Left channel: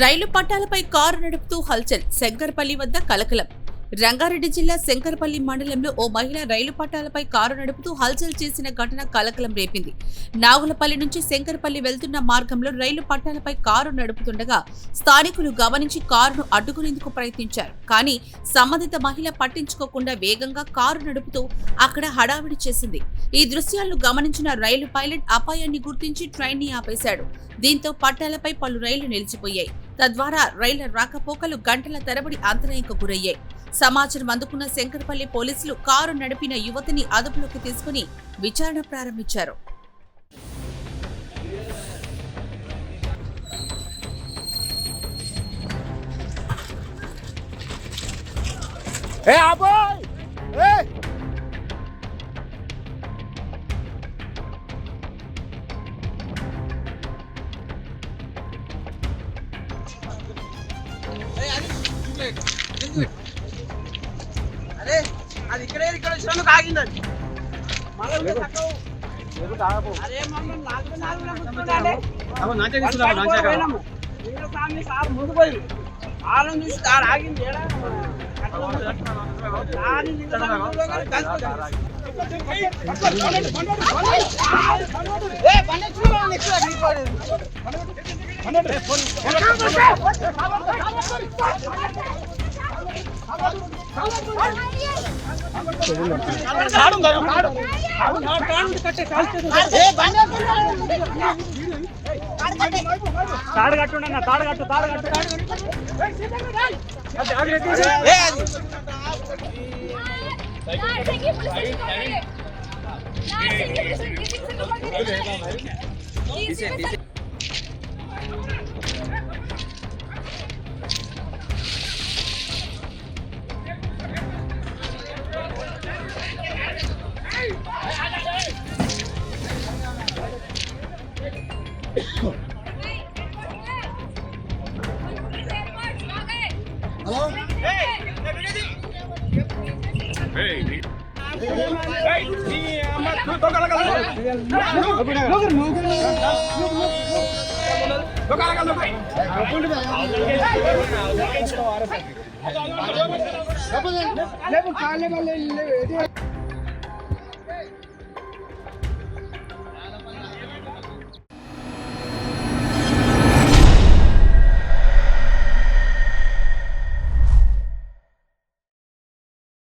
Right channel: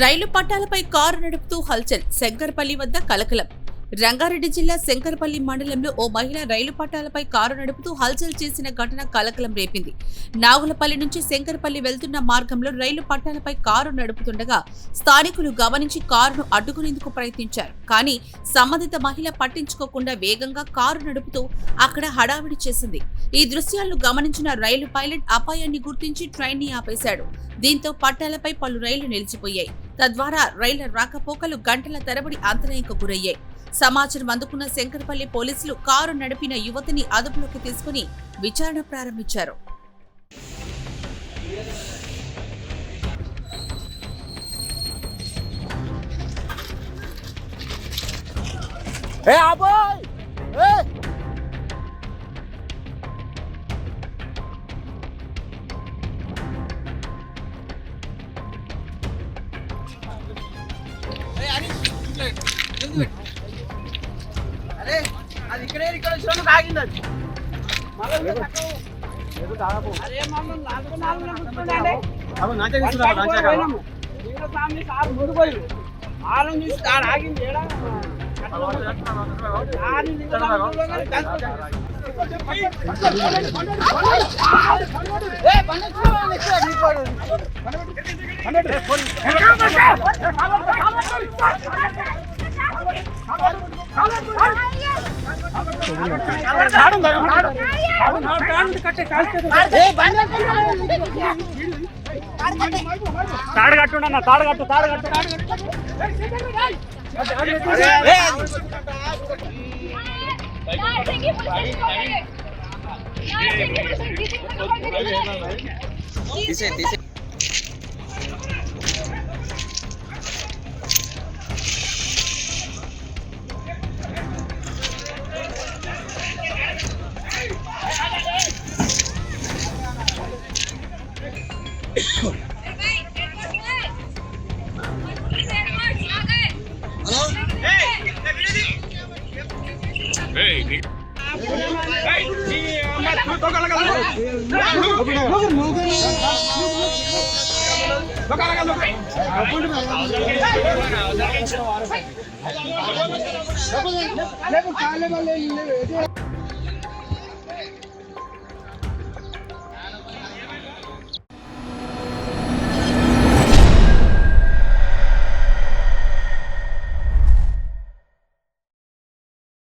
రైలు పట్టాలపై car నడుపుతూ హల్చల్, శంకర్పల్లి వద్ద కలకలం. రంగారెడ్డి జిల్లా శంకర్పల్లి మండలంలో ఓ మహిళ రైలు పట్టాలపై కారు నడుపుతూ హల్చల్ చేసిన ఘటన కలకలం రేపింది. నాగులపల్లి నుంచి శంకర్పల్లి వెళ్తున్న మార్గంలో రైలు పట్టాలపై కారు నడుపుతుండగా స్థానికులు గమనించి కారును అడ్డుకునేందుకు ప్రయత్నించారు. కానీ సంబంధిత మహిళ పట్టించుకోకుండా వేగంగా కారు నడుపుతూ అక్కడ హడావిడి చేసింది. ఈ దృశ్యాలను గమనించిన రైలు పైలట్ అపాయాన్ని గుర్తించి ట్రైన్ ని ఆపేశాడు. దీంతో పట్టాలపై పలు రైళ్లు నిలిచిపోయాయి. తద్వారా రైళ్ల రాకపోకలు గంటల తరబడి అంతరాయంకు గురయ్యాయి. సమాచారం అందుకున్న శంకర్పల్లి పోలీసులు కారు నడిపిన యువతిని అదుపులోకి తీసుకుని విచారణ ప్రారంభించారు. అరే అది ఇక్కడ వచ్చినందుకు ఆగిందండి. సార్ ముందు పోయి ఆలం చూసి ఆడ ఆగింది. తాడగట్టున్నా తాడగట్టు హలో